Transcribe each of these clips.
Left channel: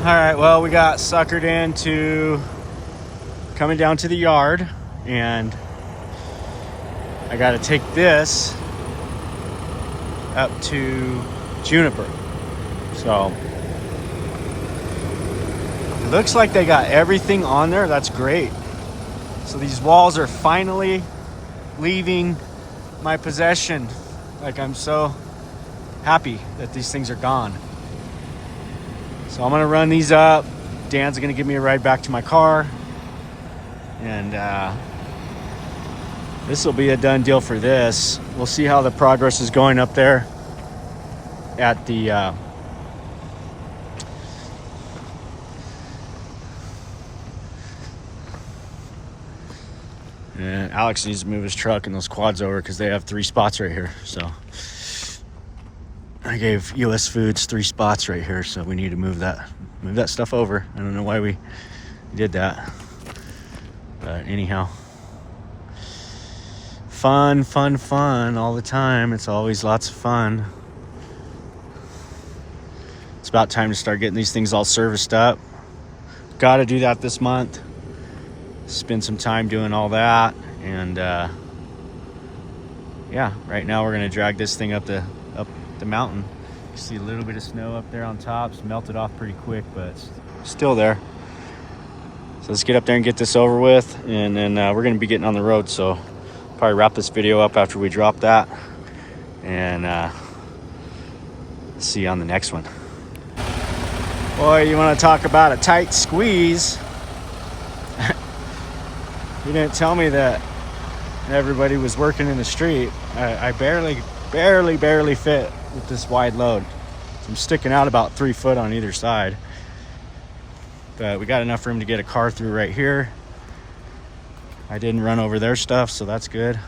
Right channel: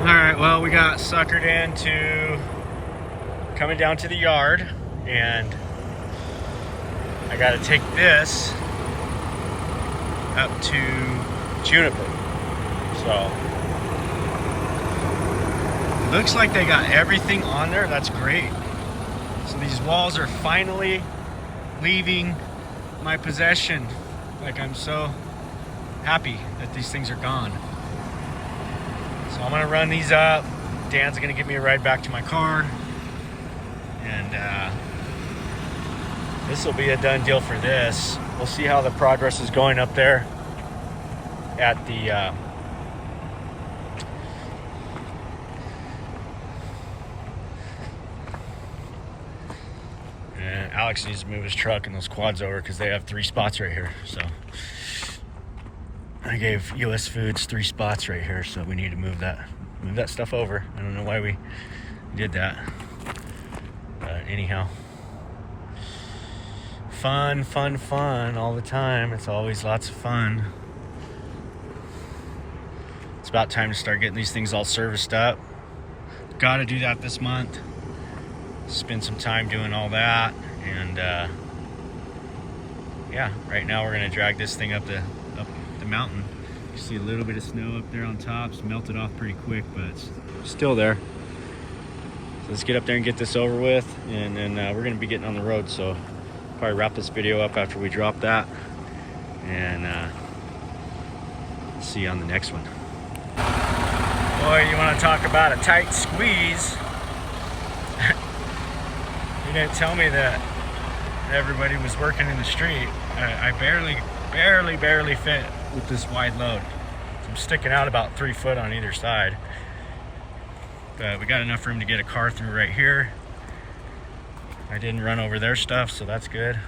All right, well, we got suckered into coming down to the yard, and I got to take this up to Juniper. So it looks like they got everything on there. That's great. So these walls are finally leaving my possession. Like, I'm so happy that these things are gone. So I'm gonna run these up. Dan's gonna give me a ride back to my car, and this will be a done deal for this. We'll see how the progress is going up there at the and Alex needs to move his truck and those quads over because they have 3 spots right here. So I gave US Foods 3 spots right here, so we need to move that stuff over. I don't know why we did that, but anyhow, fun all the time. It's always lots of fun. It's about time to start getting these things all serviced up. Got to do that this month. Spend some time doing all that, and yeah, right now we're gonna drag this thing up the mountain. You see a little bit of snow up there on top. It's melted off pretty quick, but it's still there. So let's get up there and get this over with, and then we're gonna be getting on the road. So probably wrap this video up after we drop that, and see you on the next one. Boy, you want to talk about a tight squeeze. You didn't tell me that everybody was working in the street. I barely fit with this wide load. So I'm sticking out about 3 foot on either side. But we got enough room to get a car through right here. I didn't run over their stuff, so that's good.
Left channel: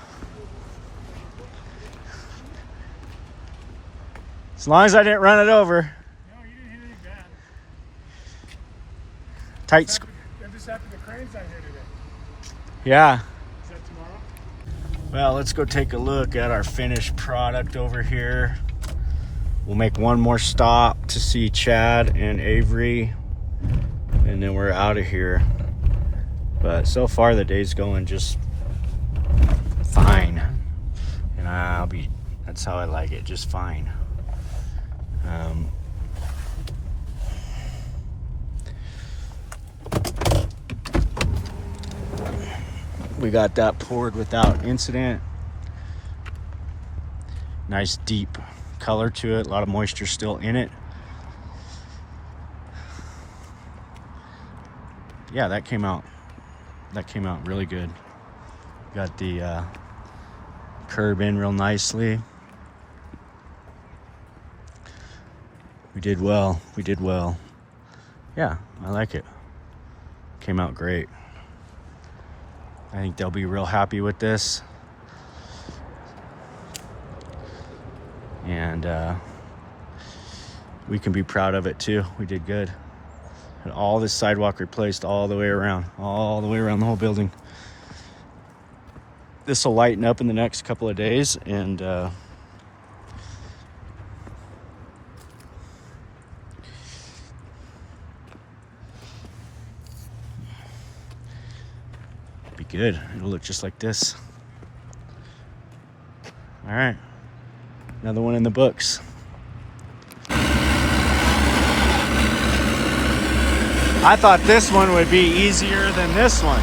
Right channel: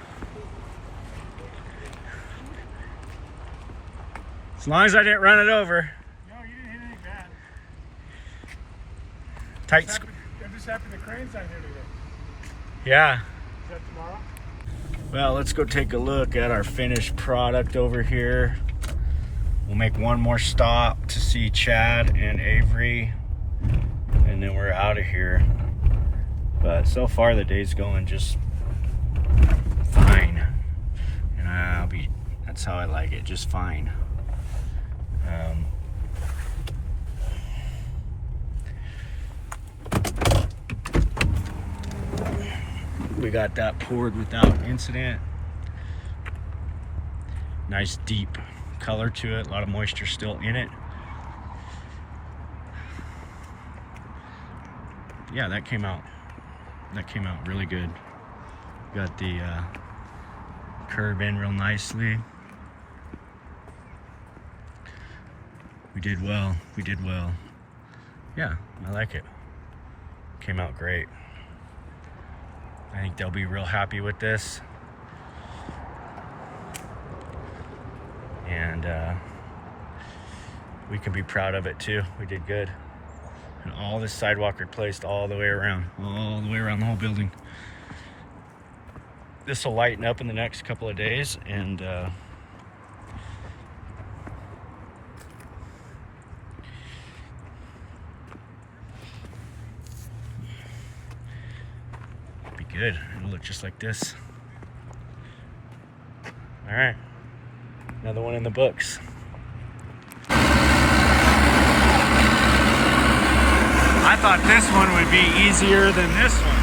As long as I didn't run it over. No, you didn't hit anything bad. Tight Just happened the cranes on here today. Yeah. Is that tomorrow? Well, let's go take a look at our finished product over here. We'll make one more stop to see Chad and Avery, and then we're out of here. But so far the day's going just fine, and that's how I like it, just fine. We got that poured without incident. Nice deep color to it, a lot of moisture still in it. Yeah, that came out really good. Got the curb in real nicely. We did well. Yeah, I like it. Came out great. I think they'll be real happy with this. And we can be proud of it too. We did good. Got all this sidewalk replaced all the way around the whole building. This will lighten up in the next couple of days, and be good. It'll look just like this. All right, another one in the books. I thought this one would be easier than this one.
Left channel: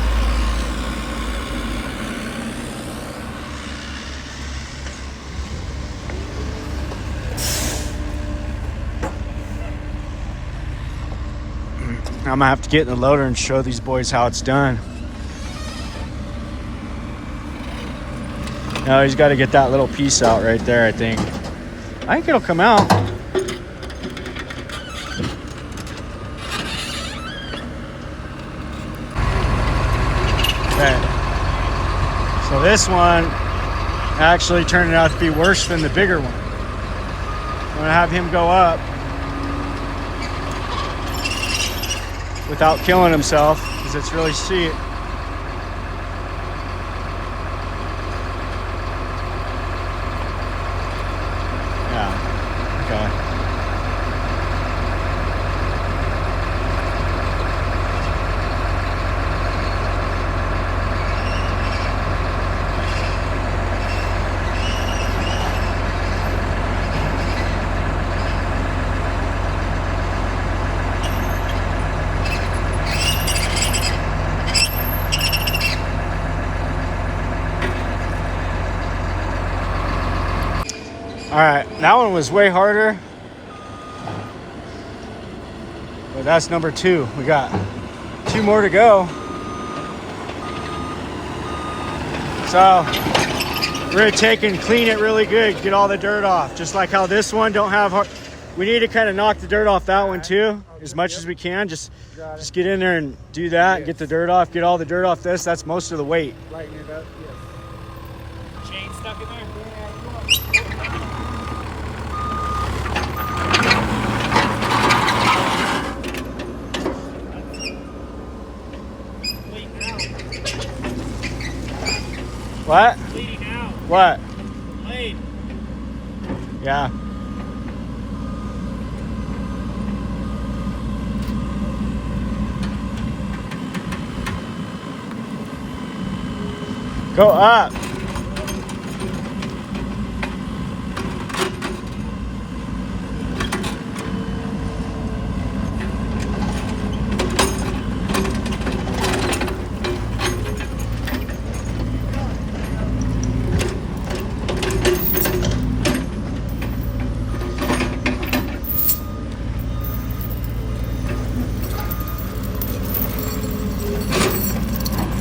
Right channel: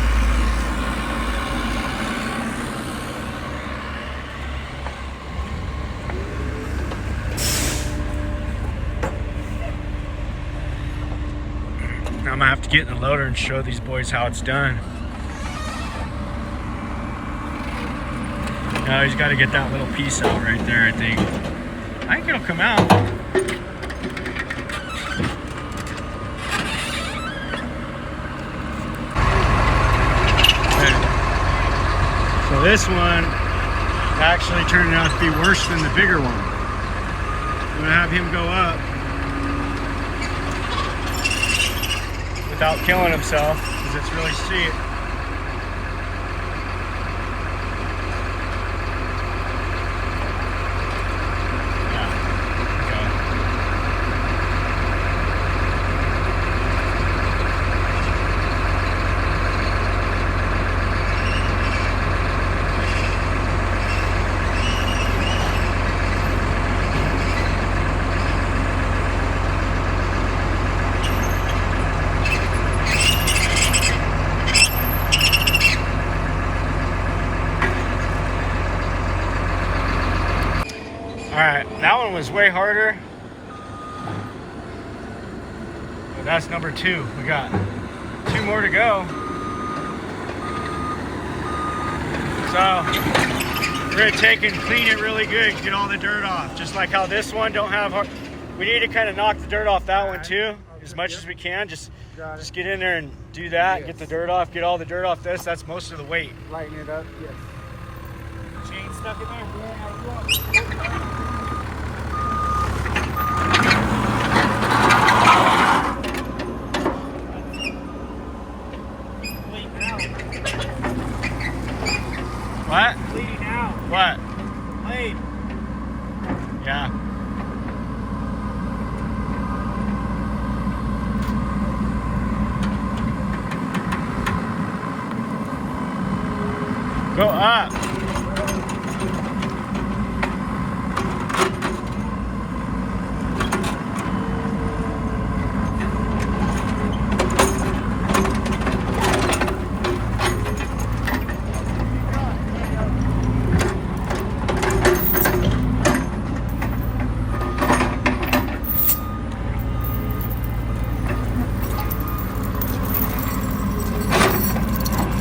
I'm gonna have to get in the loader and show these boys how it's done. No, he's got to get that little piece out right there, I think. I think it'll come out. So this one actually turned out to be worse than the bigger one. I'm gonna have him go up without killing himself because it's really steep. Yeah, was way harder. But that's number 2. We got 2 more to go. So we're gonna take and clean it really good, get all the dirt off. Just like how this one don't have, we need to kind of knock the dirt off that one too, as much as we can. Just get in there and do that, get the dirt off, get all the dirt off this. That's most of the weight. Lighten it up, yes. Chain stuck in there? What? Bleeding out. What? Blade. Yeah. Go up.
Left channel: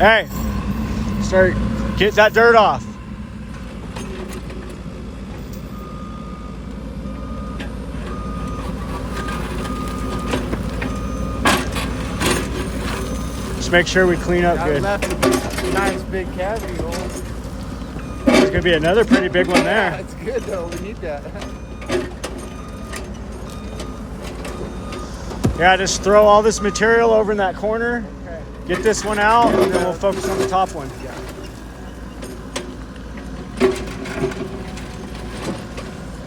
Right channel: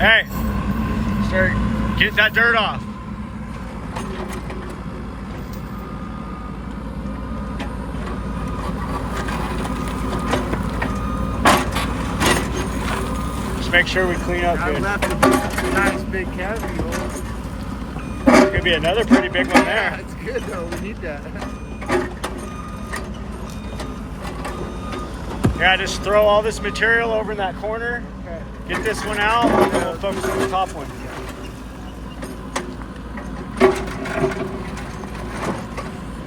Hey, get that dirt off. Just make sure we clean up I good. left a nice big cavity hole. Could be another pretty big one Yeah, there. that's good though. We need that. Yeah, just throw all this material over in that corner. Okay. Get this one out, and then we'll focus on the top one.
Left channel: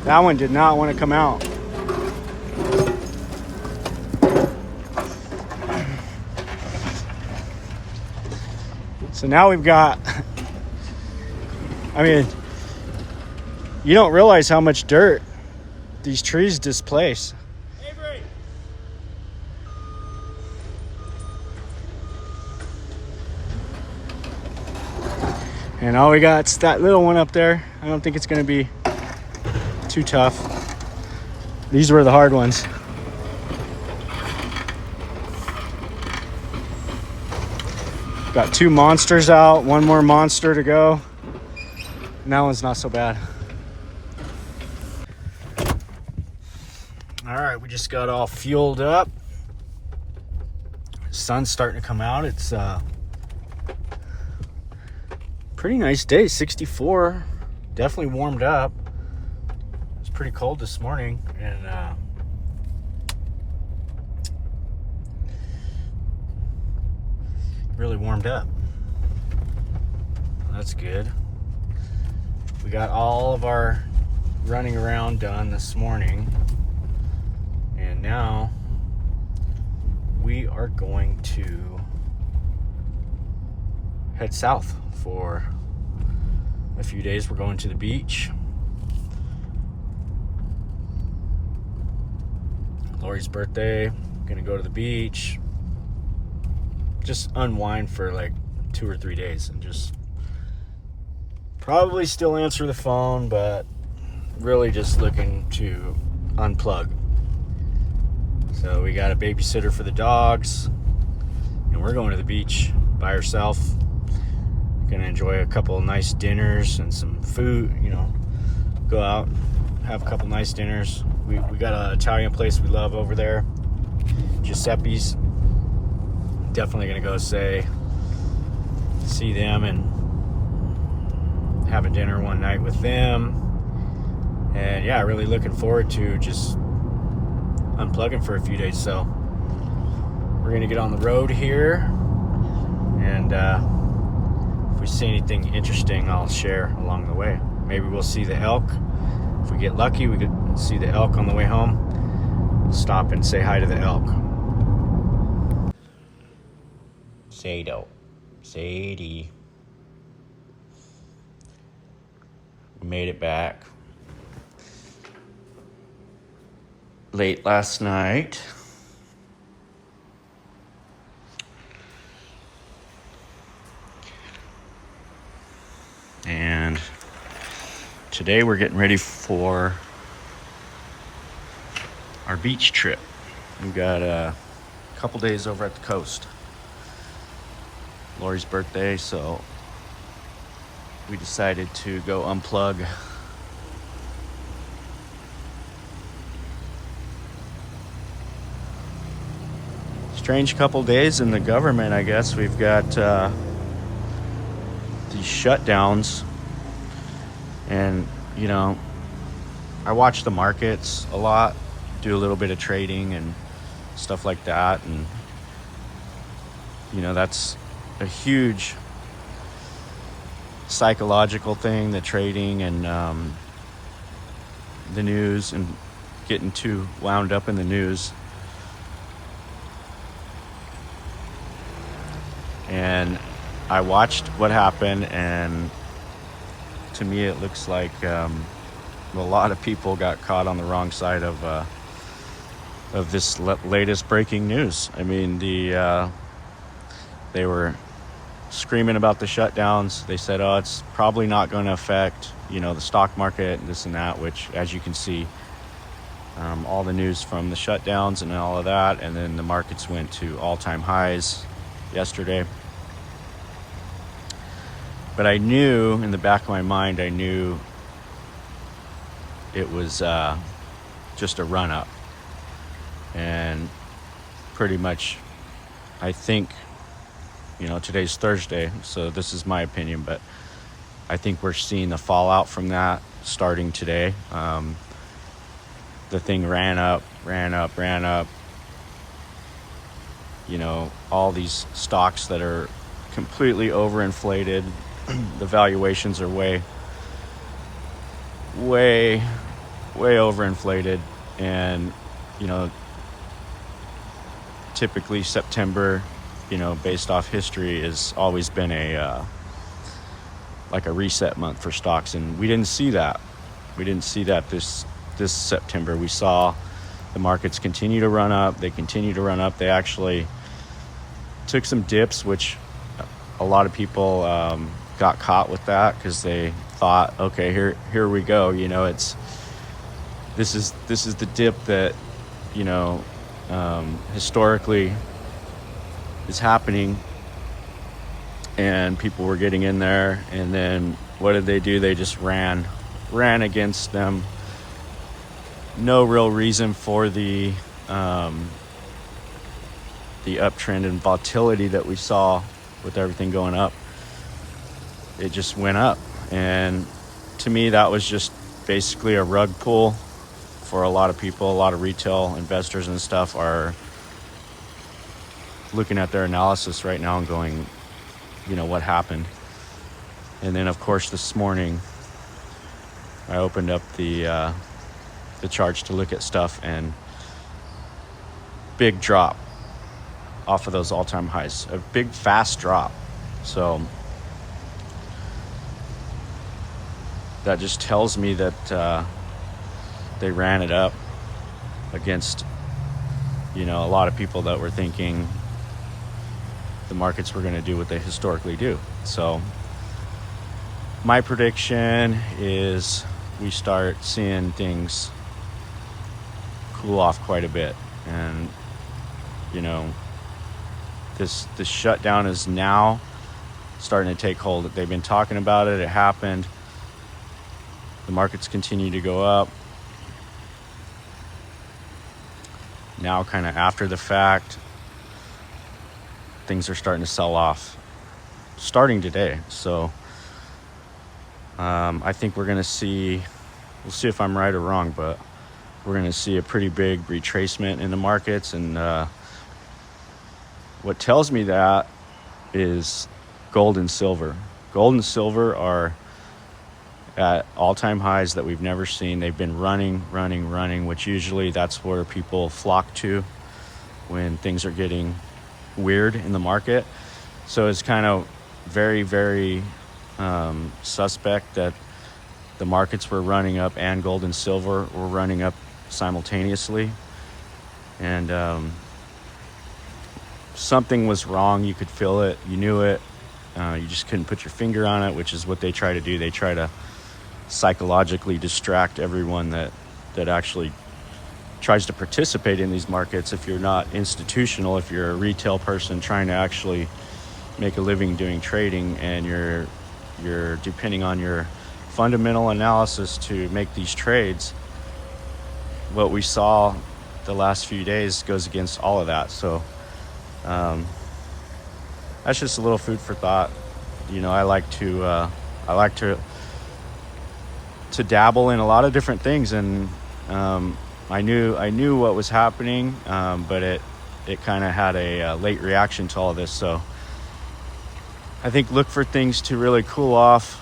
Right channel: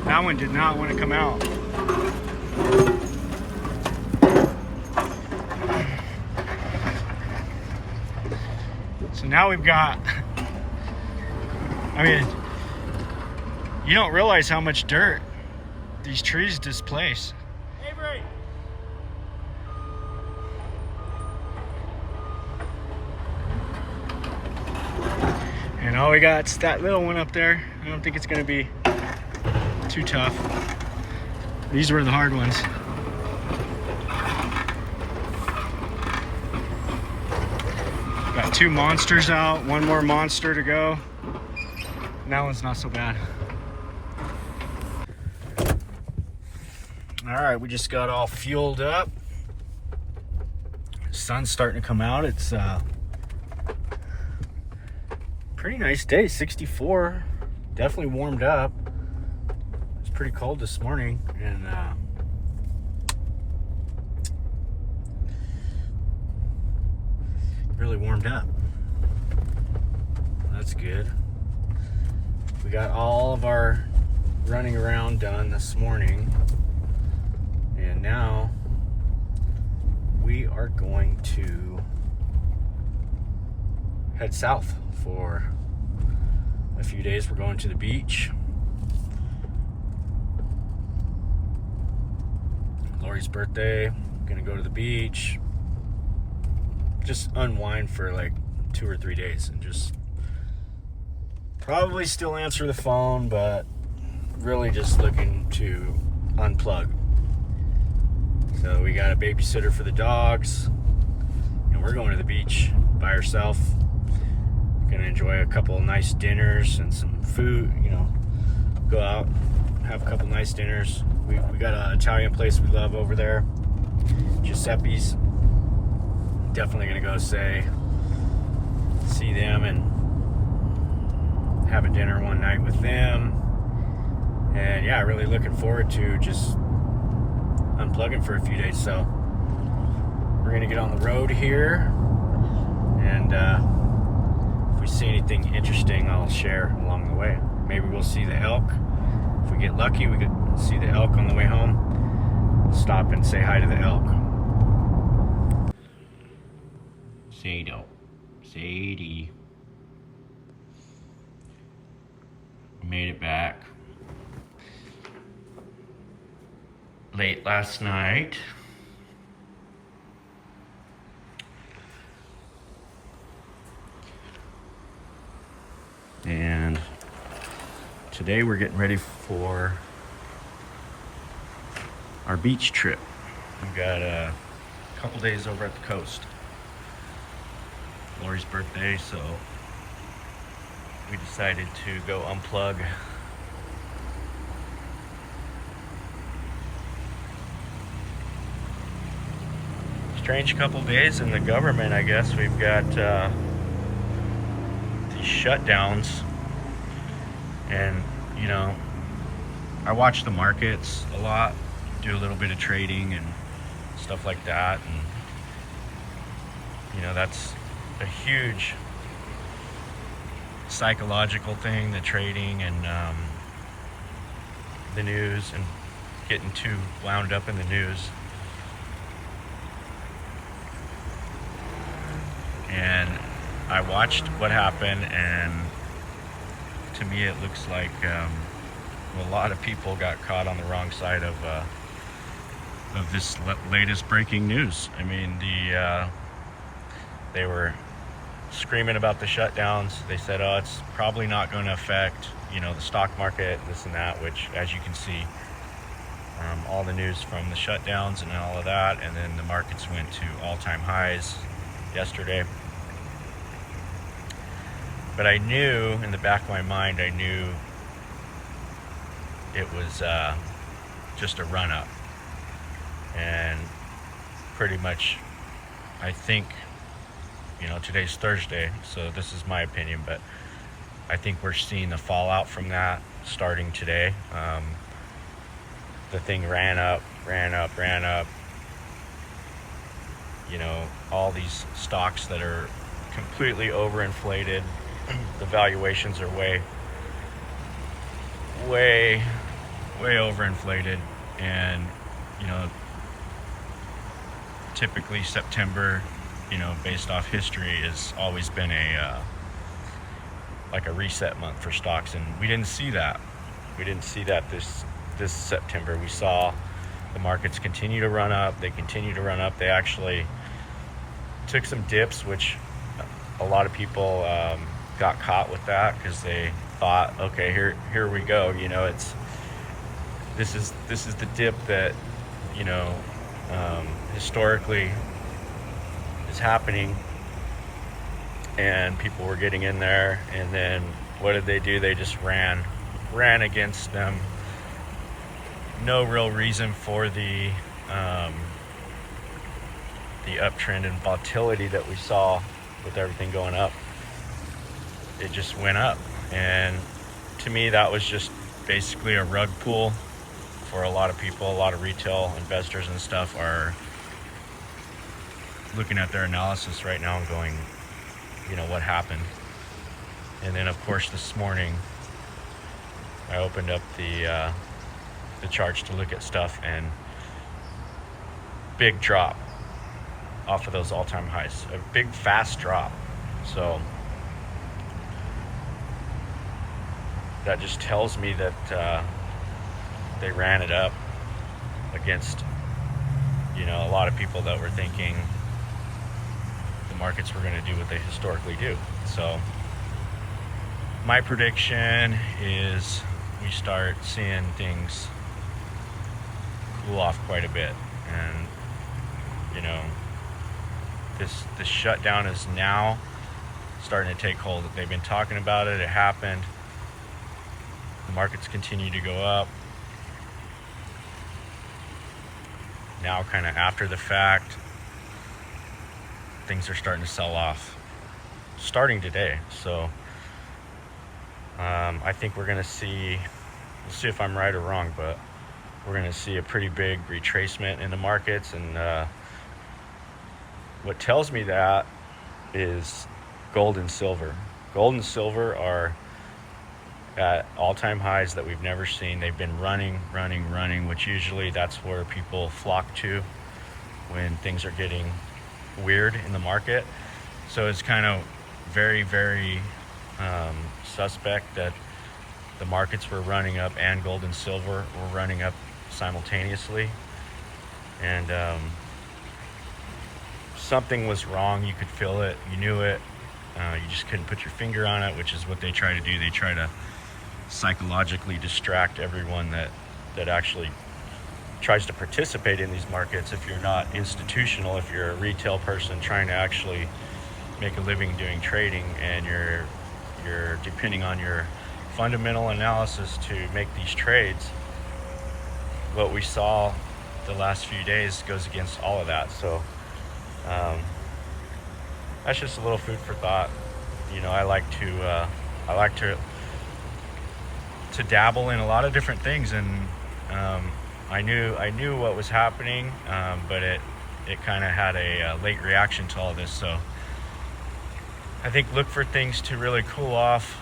That one did not want to come out. So now we've got, I mean, you don't realize how much dirt these trees displace. And all we got is that little one up there. I don't think it's gonna be too tough. These were the hard ones. Got 2 monsters out, 1 more monster to go. And that one's not so bad. All right, we just got all fueled up. Sun's starting to come out. It's pretty nice day, 64. Definitely warmed up. It was pretty cold this morning, and really warmed up. That's good. We got all of our running around done this morning, and now we are going to head south for a few days. We're going to the beach. Lori's birthday. Gonna go to the beach. Just unwind for like 2 or 3 days and just probably still answer the phone, but really just looking to unplug. So we got a babysitter for the dogs, and we're going to the beach by herself. Gonna enjoy a couple of nice dinners and some food, you know, go out, have a couple nice dinners. We got an Italian place we love over there, Giuseppe's. Definitely gonna go see them and have a dinner one night with them. And yeah, really looking forward to just unplugging for a few days. So we're gonna get on the road here, and if we see anything interesting, I'll share along the way. Maybe we'll see the elk. If we get lucky, we could see the elk on the way home. We'll stop and say hi to the elk. Sadie. We made it back late last night. And today we're getting ready for our beach trip. We got a couple days over at the coast. Lori's birthday, so we decided to go unplug. Strange couple days in the government, I guess. We've got these shutdowns, and you know, I watch the markets a lot, do a little bit of trading and stuff like that, and you know, that's a huge psychological thing, the trading and the news, and getting too wound up in the news. And I watched what happened, and to me it looks like a lot of people got caught on the wrong side of this latest breaking news. I mean, they were screaming about the shutdowns. They said, oh, it's probably not going to affect, you know, the stock market, this and that, which, as you can see, all the news from the shutdowns and all of that, and then the markets went to all-time highs yesterday. But I knew, in the back of my mind, I knew it was just a run-up. And pretty much, I think, you know, today's Thursday, so this is my opinion, but I think we're seeing the fallout from that starting today. The thing ran up. You know, all these stocks that are completely overinflated. The valuations are way overinflated, and you know, typically September, you know, based off history, has always been like a reset month for stocks, and we didn't see that. This September. We saw the markets continue to run up. They continue to run up. They actually took some dips, which a lot of people got caught with that, because they thought, okay, here we go. You know, this is the dip that, you know, historically is happening, and people were getting in there. And then what did they do? They just ran against them. No real reason for the uptrend and volatility that we saw with everything going up. It just went up, and to me that was just basically a rug pull for a lot of people. A lot of retail investors and stuff are looking at their analysis right now and going, you know, what happened? And then of course this morning I opened up the charts to look at stuff, and big drop off of those all-time highs, a big fast drop. So that just tells me that they ran it up against, you know, a lot of people that were thinking the markets were going to do what they historically do. So my prediction is we start seeing things cool off quite a bit, and you know, this shutdown is now starting to take hold. They've been talking about it. It happened. The markets continue to go up. Now, kind of after the fact, things are starting to sell off, starting today. So I think we're going to see, we'll see if I'm right or wrong, but we're going to see a pretty big retracement in the markets. And what tells me that is gold and silver. Gold and silver are at all-time highs that we've never seen. They've been running, which usually that's where people flock to when things are getting weird in the market. So it's kind of very suspect that the markets were running up and gold and silver were running up simultaneously. And something was wrong. You could feel it. You knew it. You just couldn't put your finger on it, which is what they try to do. They try to psychologically distract everyone that actually tries to participate in these markets, if you're not institutional, if you're a retail person trying to actually make a living doing trading, and you're depending on your fundamental analysis to make these trades, what we saw the last few days goes against all of that. So that's just a little food for thought. I like to dabble in a lot of different things, and I knew what was happening, but it kind of had a late reaction to all of this. So I think look for things to really cool off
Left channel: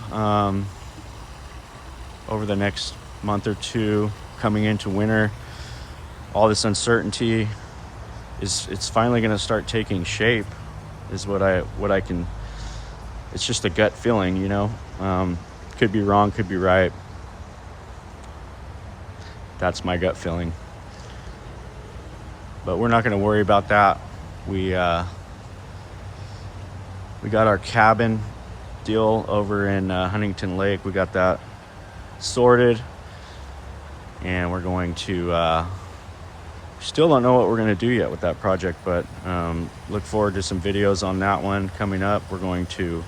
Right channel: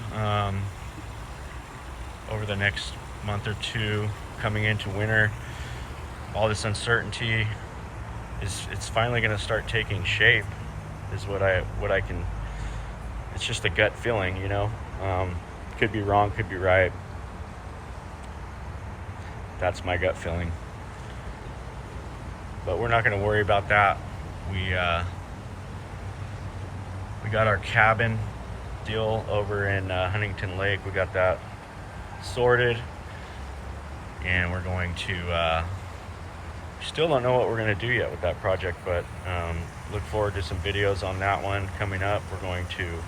over the next month or two, coming into winter. All this uncertainty it's finally going to start taking shape, is what I can. It's just a gut feeling, could be wrong, could be right. That's my gut feeling. But we're not going to worry about that. We got our cabin deal over in Huntington Lake. We got that sorted, and we're going to still don't know what we're going to do yet with that project, but look forward to some videos on that one coming up. We're going to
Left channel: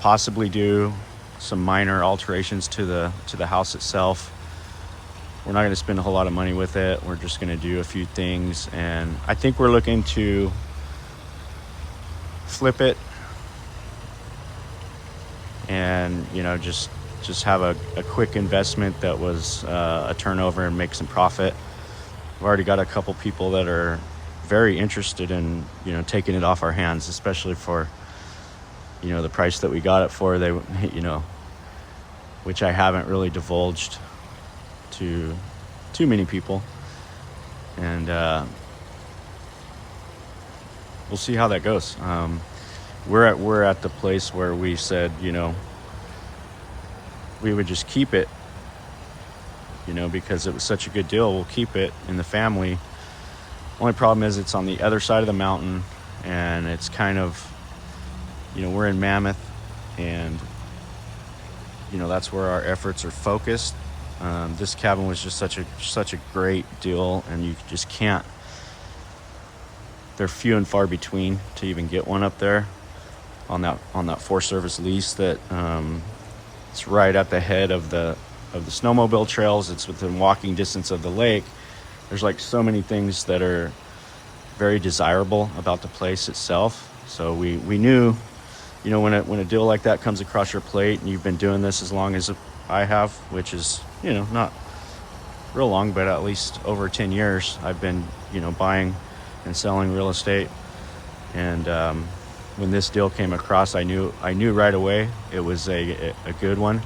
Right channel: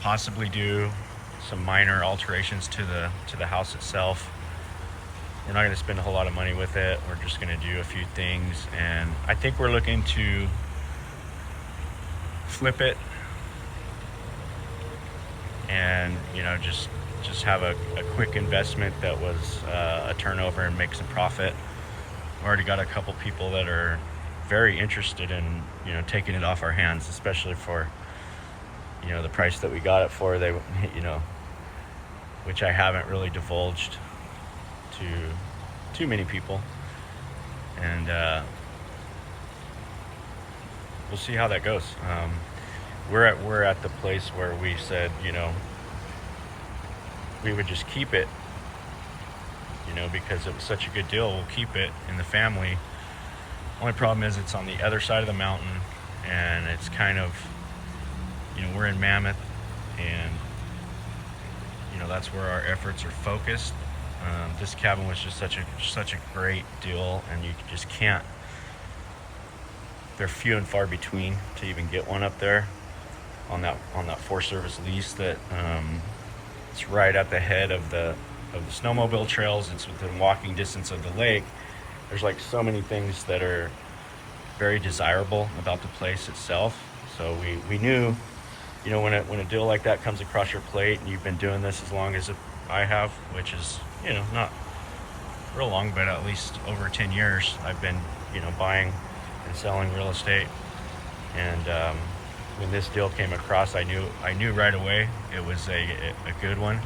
possibly do some minor alterations to the house itself. We're not going to spend a whole lot of money with it. We're just going to do a few things, and I think we're looking to flip it and just have a quick investment that was a turnover and make some profit. We've already got a couple people that are very interested in taking it off our hands, especially for the price that we got it for. They which I haven't really divulged to too many people, and we'll see how that goes. We're at the place where we said we would just keep it, because it was such a good deal. We'll keep it in the family. Only problem is it's on the other side of the mountain, and it's kind of we're in Mammoth, and that's where our efforts are focused. This cabin was just such a great deal, and you just can't. They're few and far between to even get one up there on that Forest Service lease. That it's right at the head of the snowmobile trails. It's within walking distance of the lake. There's like so many things that are very desirable about the place itself. So we knew, when a deal like that comes across your plate, and you've been doing this as long as I have, which is not real long, but at least over 10 years I've been buying and selling real estate. And when this deal came across, I knew right away it was a good one.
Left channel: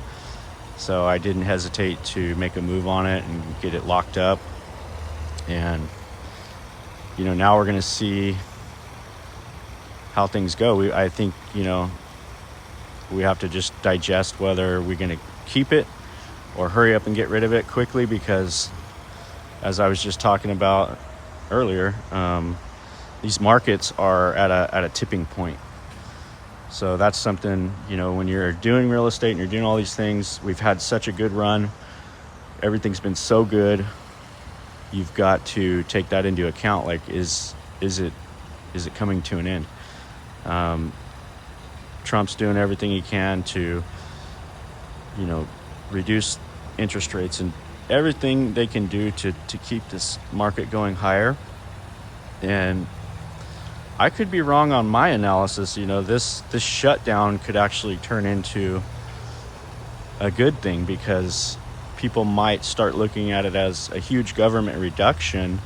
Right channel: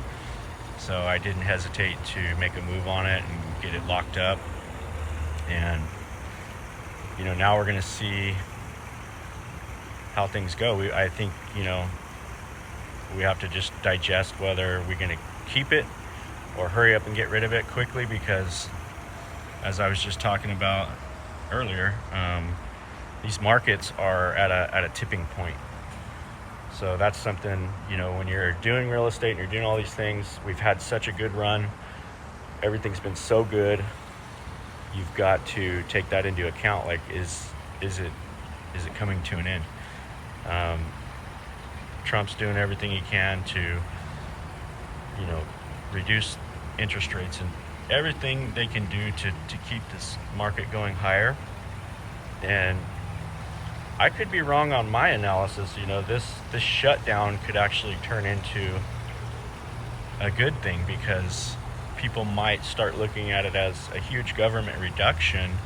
So I didn't hesitate to make a move on it and get it locked up. And now we're going to see how things go. I think we have to just digest whether we're going to keep it or hurry up and get rid of it quickly, because as I was just talking about earlier, these markets are at a tipping point. So that's something, when you're doing real estate and you're doing all these things, we've had such a good run. Everything's been so good. You've got to take that into account. Like, is it coming to an end? Trump's doing everything he can to, reduce interest rates and everything they can do to keep this market going higher. And I could be wrong on my analysis. This shutdown could actually turn into a good thing, because people might start looking at it as a huge government reduction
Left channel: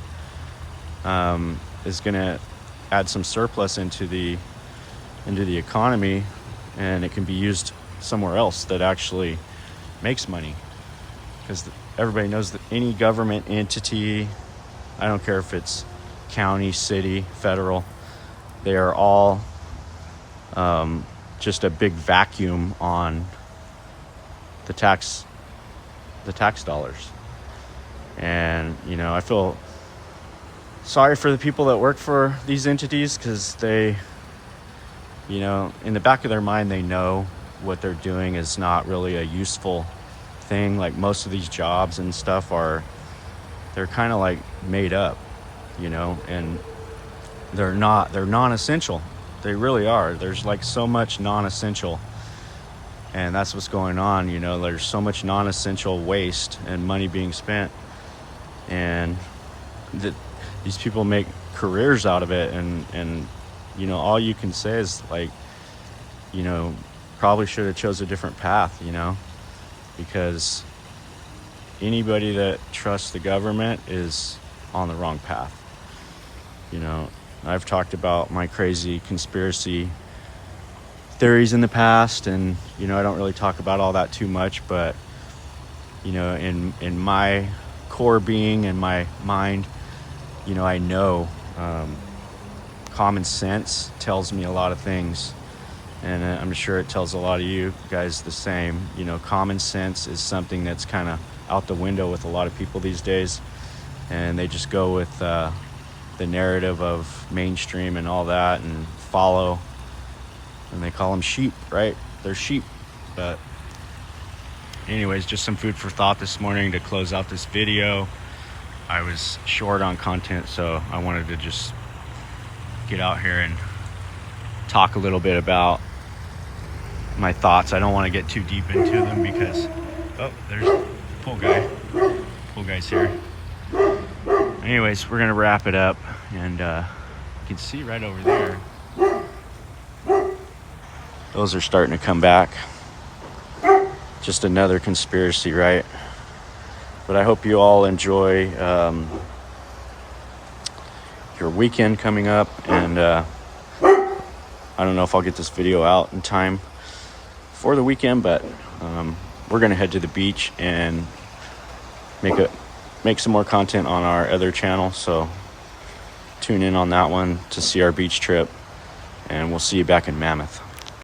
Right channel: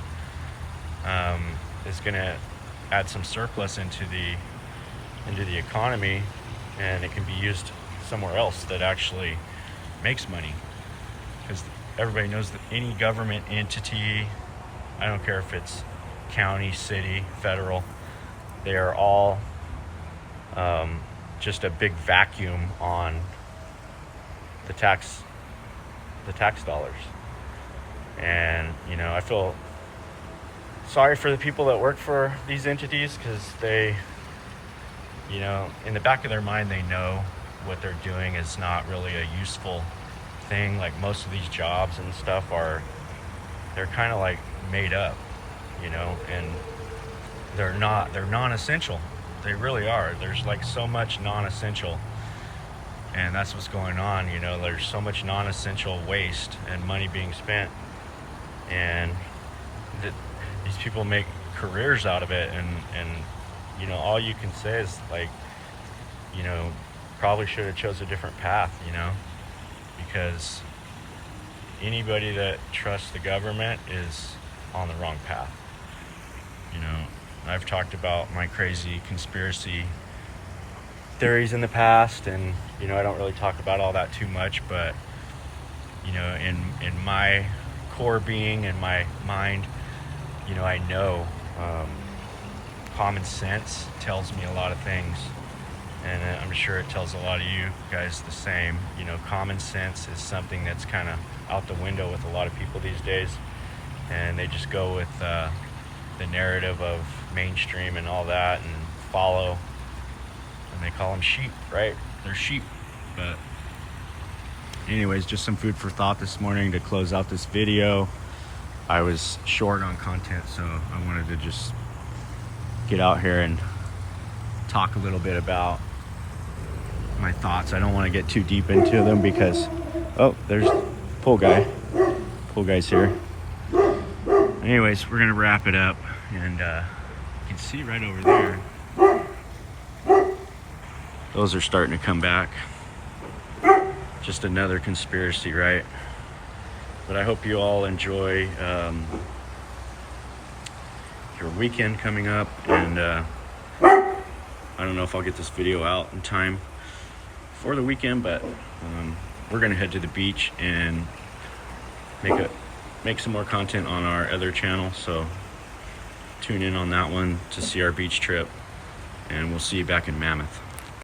is going to add some surplus into the economy, and it can be used somewhere else that actually makes money. Because everybody knows that any government entity, I don't care if it's county, city, federal, they are all just a big vacuum on the tax dollars. And I feel sorry for the people that work for these entities, because they, in the back of their mind, they know what they're doing is not really a useful thing. Like most of these jobs and stuff they're kind of like made up, you know, and they're non-essential. They really are. There's like so much non-essential, and that's what's going on, you know. There's so much non-essential waste and money being spent, and these people make careers out of it, and you know, all you can say is like, you know, probably should have chose a different path, you know, because anybody that trusts the government is on the wrong path. You know, I've talked about my crazy conspiracy theories in the past, and you know, I don't really talk about all that too much, but you know, in my core being and my mind, you know, I know common sense tells me a lot of things, and I'm sure it tells a lot of you guys the same. You know, common sense is something that's kind of out the window with a lot of people these days, and they just go with the narrative of mainstream and all that and follow, and they call them sheep, right? They're sheep. But anyways, just some food for thought this morning to close out this video. I was short on content, so I wanted to just get out here and talk a little bit about my thoughts. I don't want to get too deep into them because, oh, there's pool guy. Pool guy's here. Anyways, we're gonna wrap it up, and you can see right over there, those are starting to come back. Just another conspiracy, right? But I hope you all enjoy your weekend coming up, and I don't know if I'll get this video out in time for the weekend, but we're gonna head to the beach and make some more content on our other channel, so tune in on that one to see our beach trip, and we'll see you back in Mammoth.